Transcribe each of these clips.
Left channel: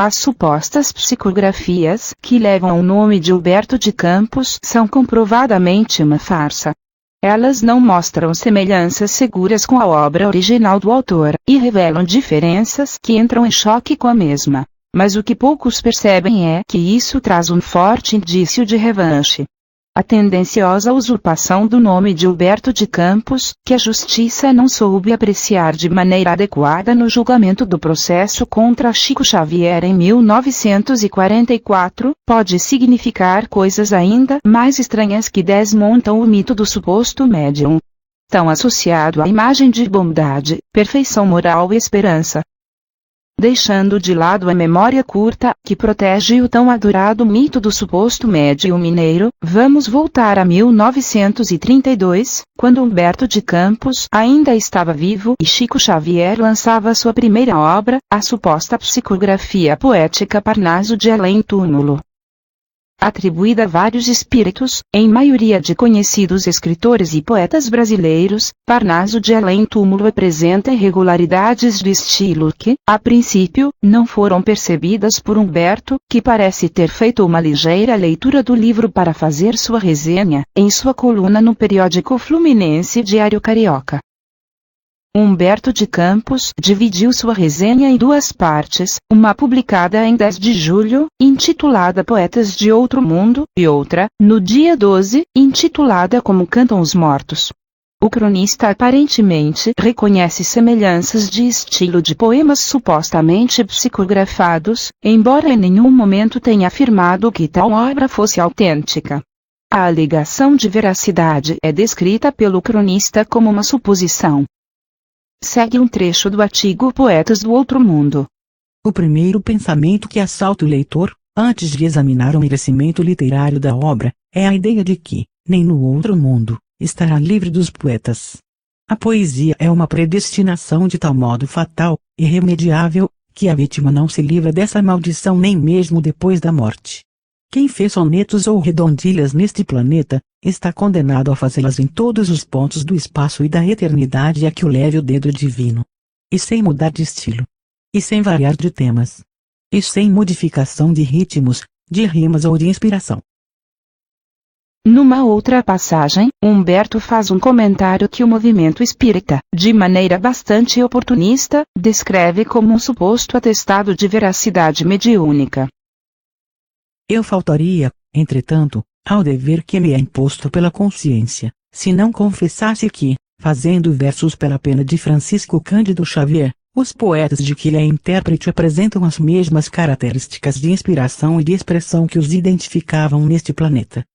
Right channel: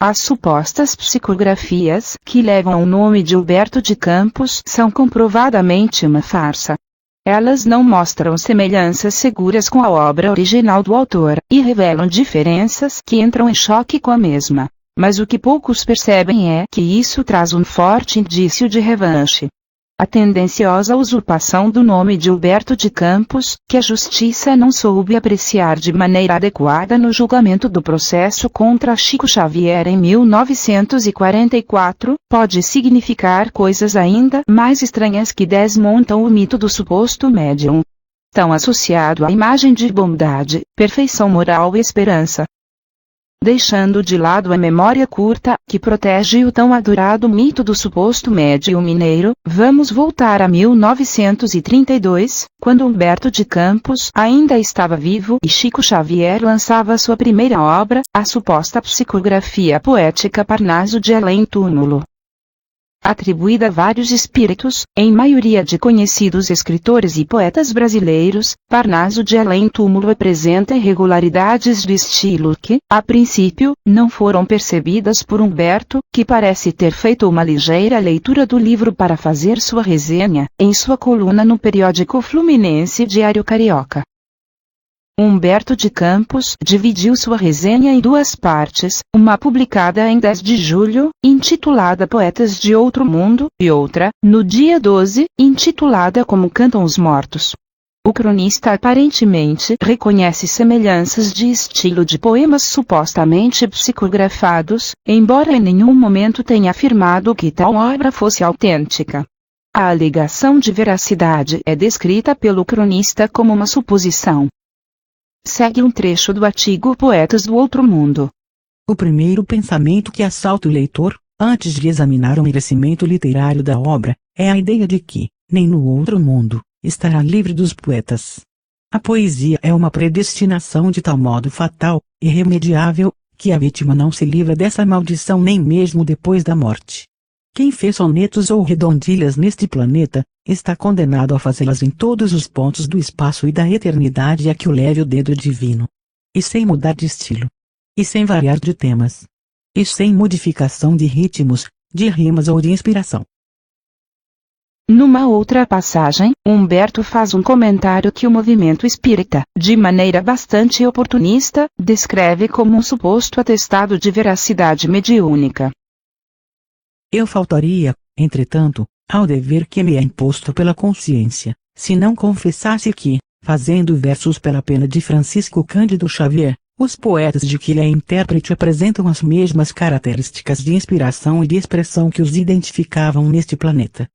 As supostas psicografias que levam o nome de Humberto de Campos são comprovadamente uma farsa. Elas não mostram semelhanças seguras com a obra original do autor e revelam diferenças que entram em choque com a mesma. Mas o que poucos percebem é que isso traz um forte indício de revanche. A tendenciosa usurpação do nome de Humberto de Campos, que a justiça não soube apreciar de maneira adequada no julgamento do processo contra Chico Xavier em 1944, pode significar coisas ainda mais estranhas que desmontam o mito do suposto médium, tão associado à imagem de bondade, perfeição moral e esperança. Deixando de lado a memória curta, que protege o tão adorado mito do suposto médium mineiro, vamos voltar a 1932, quando Humberto de Campos ainda estava vivo e Chico Xavier lançava sua primeira obra, a suposta psicografia poética Parnaso de Além-Túmulo. Atribuída a vários espíritos, em maioria de conhecidos escritores e poetas brasileiros, Parnaso de Além-Túmulo apresenta irregularidades de estilo que, a princípio, não foram percebidas por Humberto, que parece ter feito uma ligeira leitura do livro para fazer sua resenha, em sua coluna no periódico fluminense Diário Carioca. Humberto de Campos dividiu sua resenha em duas partes, uma publicada em 10 de julho, intitulada Poetas de Outro Mundo, e outra, no dia 12, intitulada Como Cantam os Mortos. O cronista aparentemente reconhece semelhanças de estilo de poemas supostamente psicografados, embora em nenhum momento tenha afirmado que tal obra fosse autêntica. A alegação de veracidade é descrita pelo cronista como uma suposição. Segue um trecho do artigo Poetas do Outro Mundo. O primeiro pensamento que assalta o leitor, antes de examinar o merecimento literário da obra, é a ideia de que, nem no outro mundo, estará livre dos poetas. A poesia é uma predestinação de tal modo fatal, irremediável, que a vítima não se livra dessa maldição nem mesmo depois da morte. Quem fez sonetos ou redondilhas neste planeta, está condenado a fazê-las em todos os pontos do espaço e da eternidade a que o leve o dedo divino. E sem mudar de estilo. E sem variar de temas. E sem modificação de ritmos, de rimas ou de inspiração. Numa outra passagem, Humberto faz um comentário que o movimento espírita, de maneira bastante oportunista, descreve como um suposto atestado de veracidade mediúnica. Eu faltaria, entretanto, ao dever que me é imposto pela consciência, se não confessasse que, fazendo versos para a pena de Francisco Cândido Xavier, os poetas de que é intérprete apresentam as mesmas características de inspiração e de expressão que os identificavam neste planeta.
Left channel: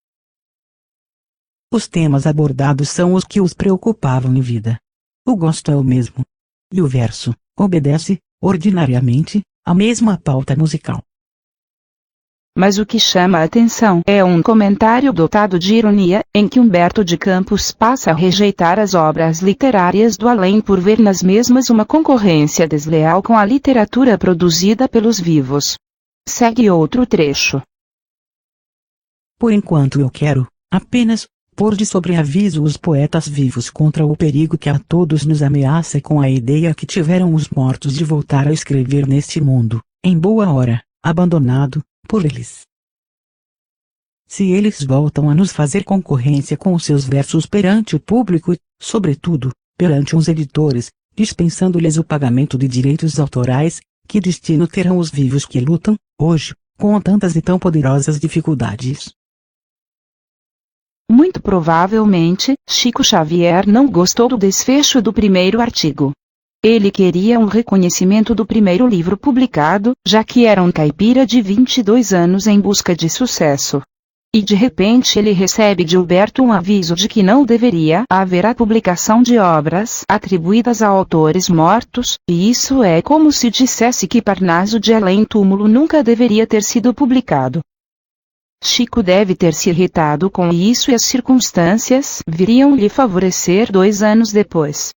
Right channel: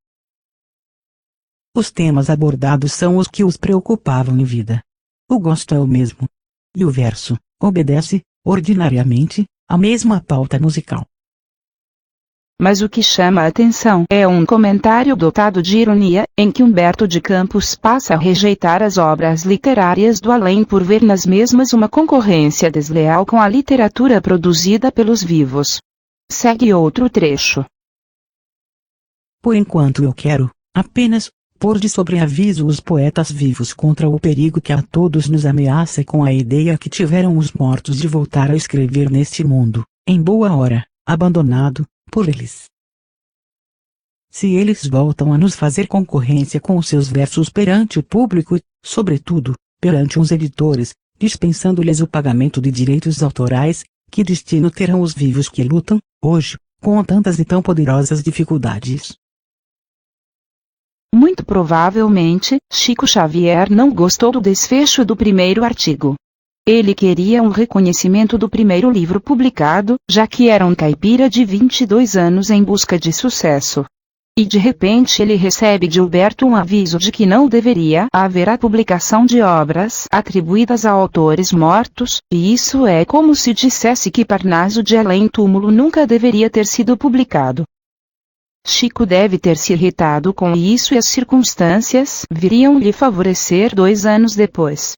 Os temas abordados são os que os preocupavam em vida. O gosto é o mesmo. E o verso obedece, ordinariamente, à mesma pauta musical. Mas o que chama a atenção é um comentário dotado de ironia, em que Humberto de Campos passa a rejeitar as obras literárias do além por ver nas mesmas uma concorrência desleal com a literatura produzida pelos vivos. Segue outro trecho. Por enquanto eu quero, apenas, pôr de sobreaviso os poetas vivos contra o perigo que a todos nos ameaça com a ideia que tiveram os mortos de voltar a escrever neste mundo, em boa hora, abandonado por eles. Se eles voltam a nos fazer concorrência com os seus versos perante o público e, sobretudo, perante os editores, dispensando-lhes o pagamento de direitos autorais, que destino terão os vivos que lutam, hoje, com tantas e tão poderosas dificuldades? Muito provavelmente, Chico Xavier não gostou do desfecho do primeiro artigo. Ele queria um reconhecimento do primeiro livro publicado, já que era um caipira de 22 anos em busca de sucesso. E de repente ele recebe de Humberto um aviso de que não deveria haver a publicação de obras atribuídas a autores mortos, e isso é como se dissesse que Parnaso de Além-Túmulo nunca deveria ter sido publicado. Chico deve ter se irritado com isso e as circunstâncias viriam lhe favorecer 2 anos depois.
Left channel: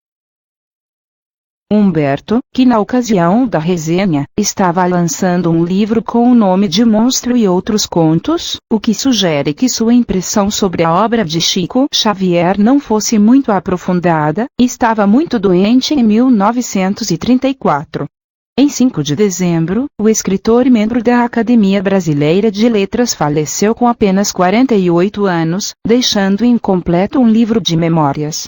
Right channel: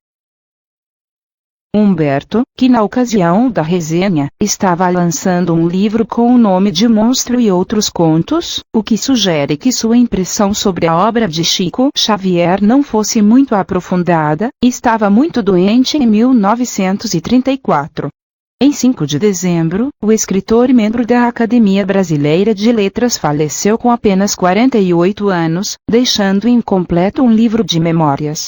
Humberto, que na ocasião da resenha, estava lançando um livro com o nome de Monstro e Outros Contos, o que sugere que sua impressão sobre a obra de Chico Xavier não fosse muito aprofundada, estava muito doente em 1934. Em 5 de dezembro, o escritor e membro da Academia Brasileira de Letras faleceu com apenas 48 anos, deixando incompleto um livro de memórias.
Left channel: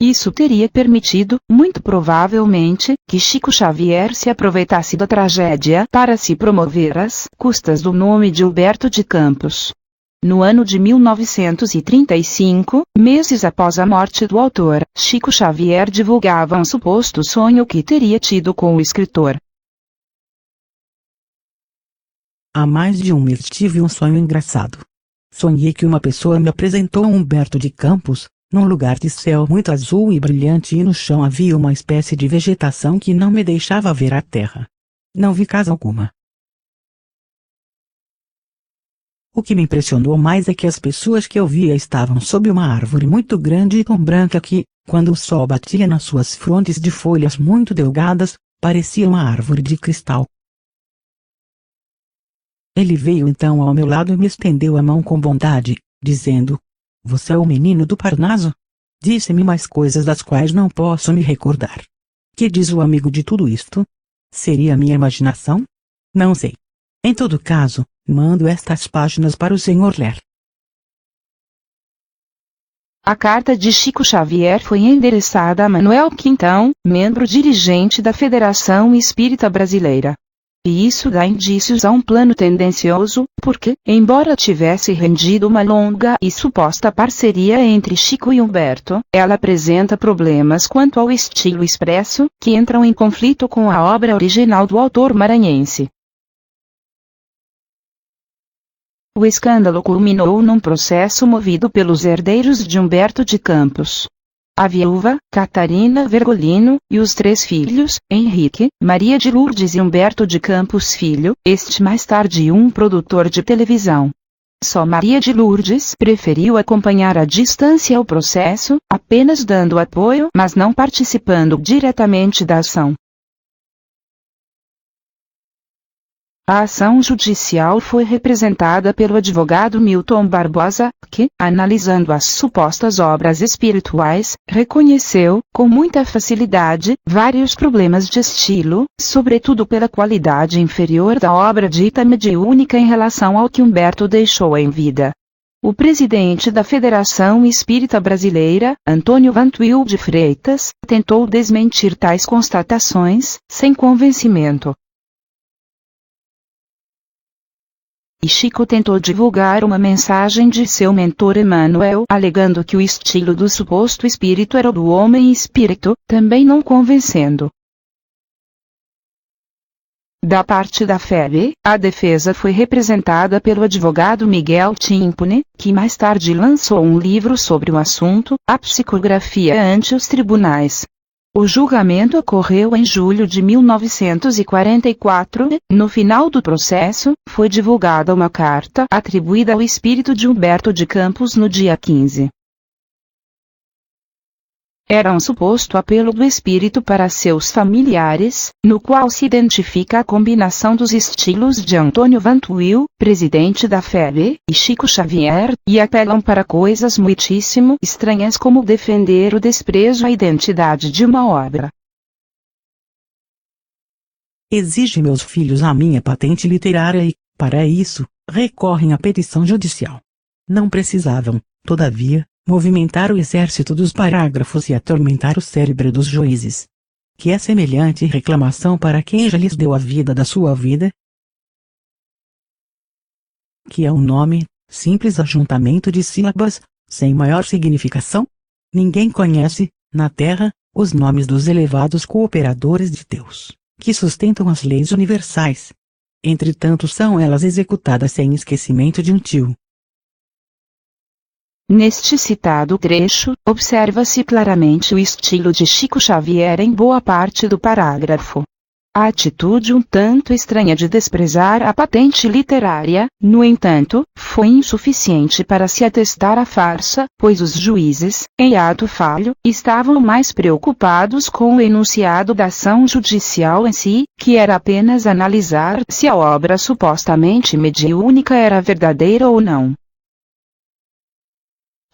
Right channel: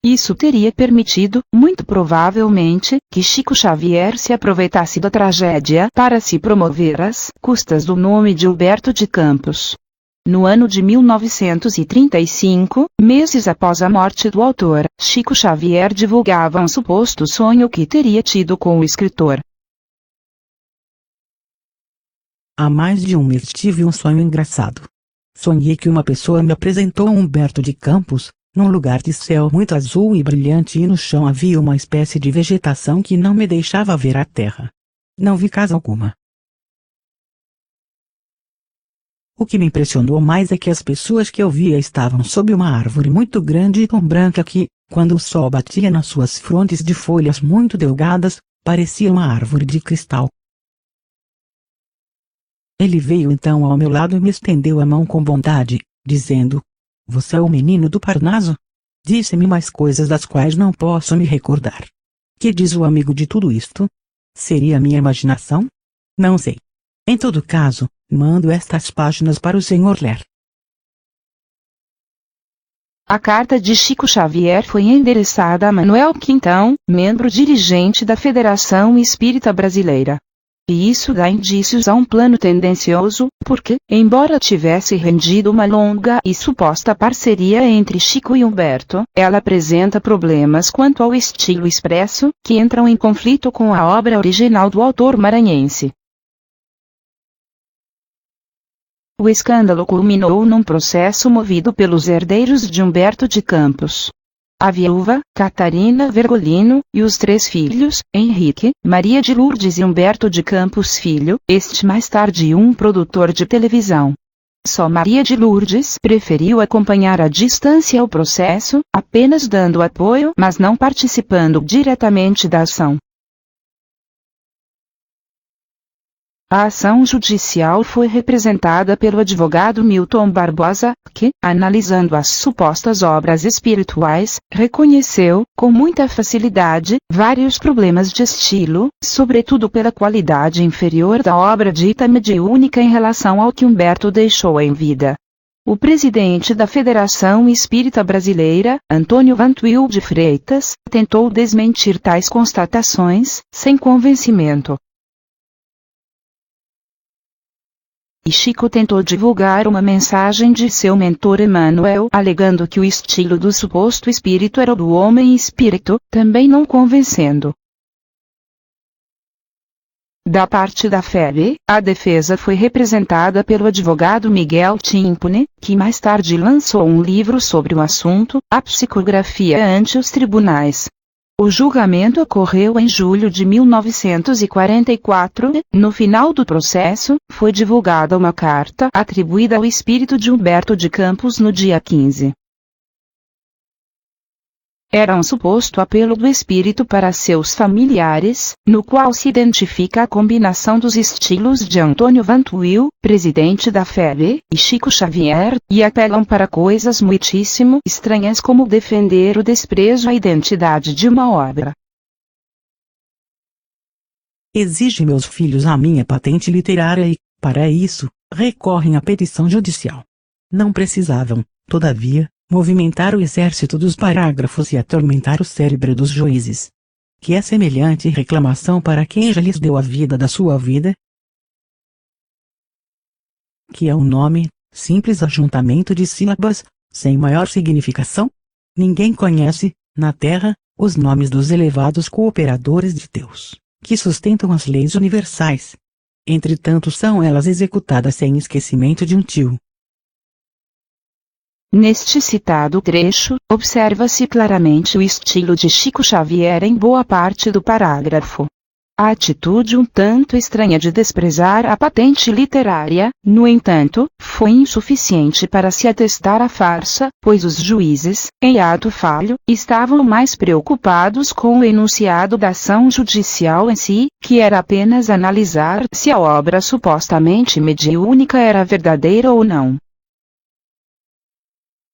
Isso teria permitido, muito provavelmente, que Chico Xavier se aproveitasse da tragédia para se promover às custas do nome de Humberto de Campos. No ano de 1935, meses após a morte do autor, Chico Xavier divulgava um suposto sonho que teria tido com o escritor. Há mais de um mês tive um sonho engraçado. Sonhei que uma pessoa me apresentou Humberto de Campos, num lugar de céu muito azul e brilhante, e no chão havia uma espécie de vegetação que não me deixava ver a terra. Não vi casa alguma. O que me impressionou mais é que as pessoas que eu via estavam sob uma árvore muito grande e tão branca que, quando o sol batia nas suas frontes de folhas muito delgadas, parecia uma árvore de cristal. Ele veio então ao meu lado e me estendeu a mão com bondade, dizendo: "Você é o menino do Parnaso?" Disse-me mais coisas das quais não posso me recordar. Que diz o amigo de tudo isto? Seria minha imaginação? Não sei. Em todo caso, mando estas páginas para o senhor ler. A carta de Chico Xavier foi endereçada a Manuel Quintão, membro dirigente da Federação Espírita Brasileira. E isso dá indícios a um plano tendencioso, porque, embora tivesse rendido uma longa e suposta parceria entre Chico e Humberto, ela apresenta problemas quanto ao estilo expresso, que entram em conflito com a obra original do autor maranhense. O escândalo culminou num processo movido pelos herdeiros de Humberto de Campos. A viúva, Catarina Vergolino, e os 3 filhos, Henrique, Maria de Lourdes e Humberto de Campos Filho, este mais tarde um produtor de televisão. Só Maria de Lourdes preferiu acompanhar à distância o processo, apenas dando apoio, mas não participando diretamente da ação. A ação judicial foi representada pelo advogado Milton Barbosa, que, analisando as supostas obras espirituais, reconheceu, com muita facilidade, vários problemas de estilo, sobretudo pela qualidade inferior da obra dita mediúnica em relação ao que Humberto deixou em vida. O presidente da Federação Espírita Brasileira, Antônio Vantuil de Freitas, tentou desmentir tais constatações, sem convencimento. E Chico tentou divulgar uma mensagem de seu mentor Emmanuel, alegando que o estilo do suposto espírito era o do homem-espírito, também não convencendo. Da parte da FEB, a defesa foi representada pelo advogado Miguel Timpone, que mais tarde lançou um livro sobre o assunto, A Psicografia ante os Tribunais. O julgamento ocorreu em julho de 1944 e, no final do processo, foi divulgada uma carta atribuída ao espírito de Humberto de Campos no dia 15. Era um suposto apelo do espírito para seus familiares, no qual se identifica a combinação dos estilos de Antônio Vantuil, presidente da FEB, e Chico Xavier, e apelam para coisas muitíssimo estranhas como defender o desprezo à identidade de uma obra. Exige meus filhos a minha patente literária e, para isso, recorrem à petição judicial. Não precisavam, todavia, movimentar o exército dos parágrafos e atormentar o cérebro dos juízes. Que é semelhante reclamação para quem já lhes deu a vida da sua vida? Que é um nome, simples ajuntamento de sílabas, sem maior significação? Ninguém conhece, na terra, os nomes dos elevados cooperadores de Deus, que sustentam as leis universais. Entretanto, são elas executadas sem esquecimento de um tio. Neste citado trecho, observa-se claramente o estilo de Chico Xavier em boa parte do parágrafo. A atitude um tanto estranha de desprezar a patente literária, no entanto, foi insuficiente para se atestar a farsa, pois os juízes, em ato falho, estavam mais preocupados com o enunciado da ação judicial em si, que era apenas analisar se a obra supostamente mediúnica era verdadeira ou não.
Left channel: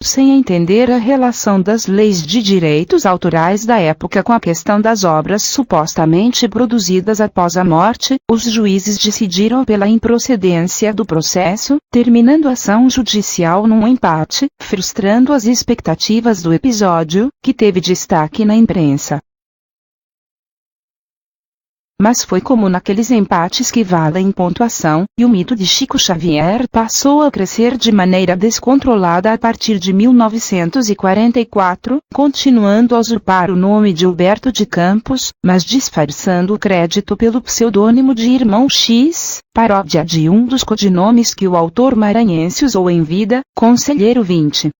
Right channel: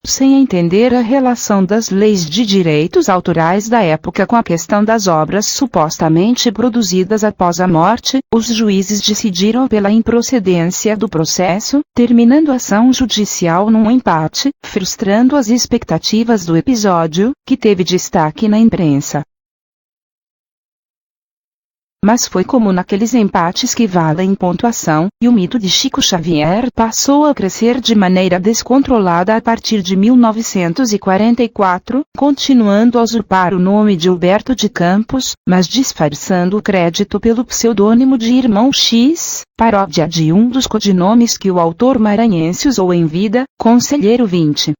sem entender a relação das leis de direitos autorais da época com a questão das obras supostamente produzidas após a morte, os juízes decidiram pela improcedência do processo, terminando a ação judicial num empate, frustrando as expectativas do episódio, que teve destaque na imprensa. Mas foi como naqueles empates que valem pontuação, e o mito de Chico Xavier passou a crescer de maneira descontrolada a partir de 1944, continuando a usurpar o nome de Humberto de Campos, mas disfarçando o crédito pelo pseudônimo de Irmão X, paródia de um dos codinomes que o autor maranhense usou em vida, Conselheiro 20.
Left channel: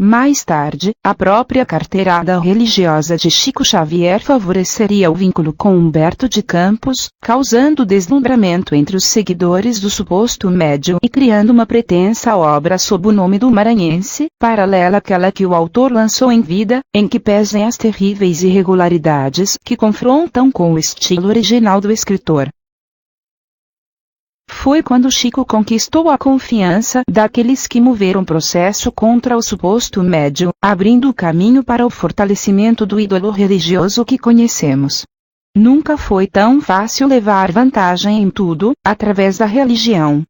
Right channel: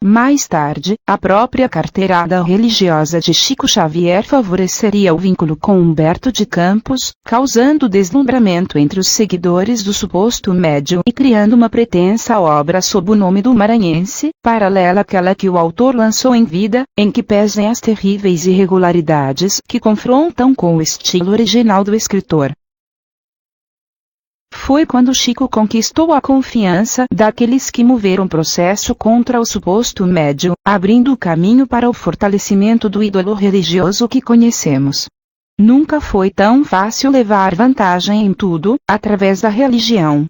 Mais tarde, a própria carteirada religiosa de Chico Xavier favoreceria o vínculo com Humberto de Campos, causando deslumbramento entre os seguidores do suposto médium e criando uma pretensa obra sob o nome do maranhense, paralela àquela que o autor lançou em vida, em que pesem as terríveis irregularidades que confrontam com o estilo original do escritor. Foi quando Chico conquistou a confiança daqueles que moveram o processo contra o suposto médium, abrindo o caminho para o fortalecimento do ídolo religioso que conhecemos. Nunca foi tão fácil levar vantagem em tudo, através da religião.